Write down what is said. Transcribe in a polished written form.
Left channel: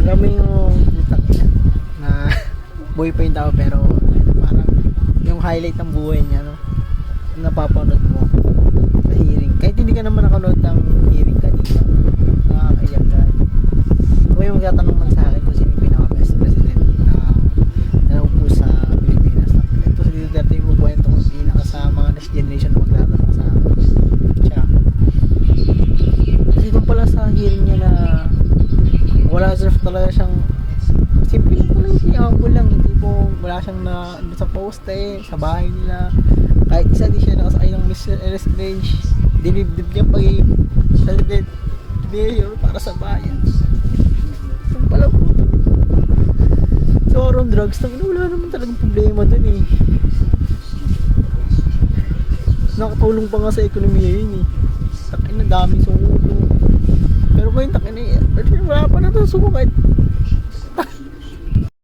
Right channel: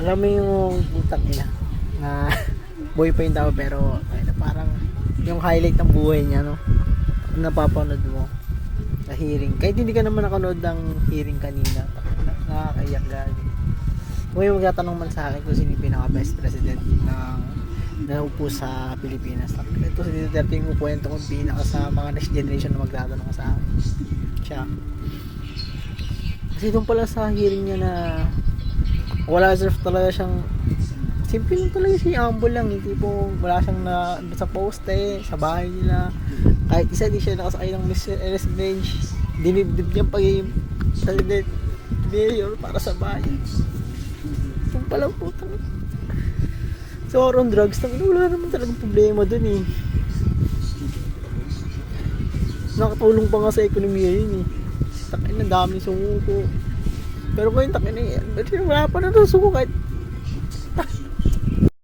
Alam mo yung putak niya na buhay pa yung tao pero ano, parang yung highlight ng buhay niya, no? Yung napapanood mo sa hearing. Kahit hindi ka naman nakanood ng hearing kanina, no? Nakakaiyak ka. Kung yung magtatanong man sa akin kung sino yung pinaka-best president na naupo sa Pilipinas, ito si Duterte yung kukwento kong pinaka sa mga next generation na magtatanong sa akin. Siya. Kasi doon pala sa hearing niya na wala talaga siyang simple lang talaga, si humble lang, tipong wala siyang na sa poste sa bahay nila, kahit isa di siya nakasakay ng Mercedes Benz, dinibdib niya pagiging president mayor para sa bayan. Yung palang puto so on drugs wala naman talagang problema dun eh, nakatulong pa nga sa ekonomiya yun eh. Takin na dami suko, pero ngayon takin na wala pa na suko kahit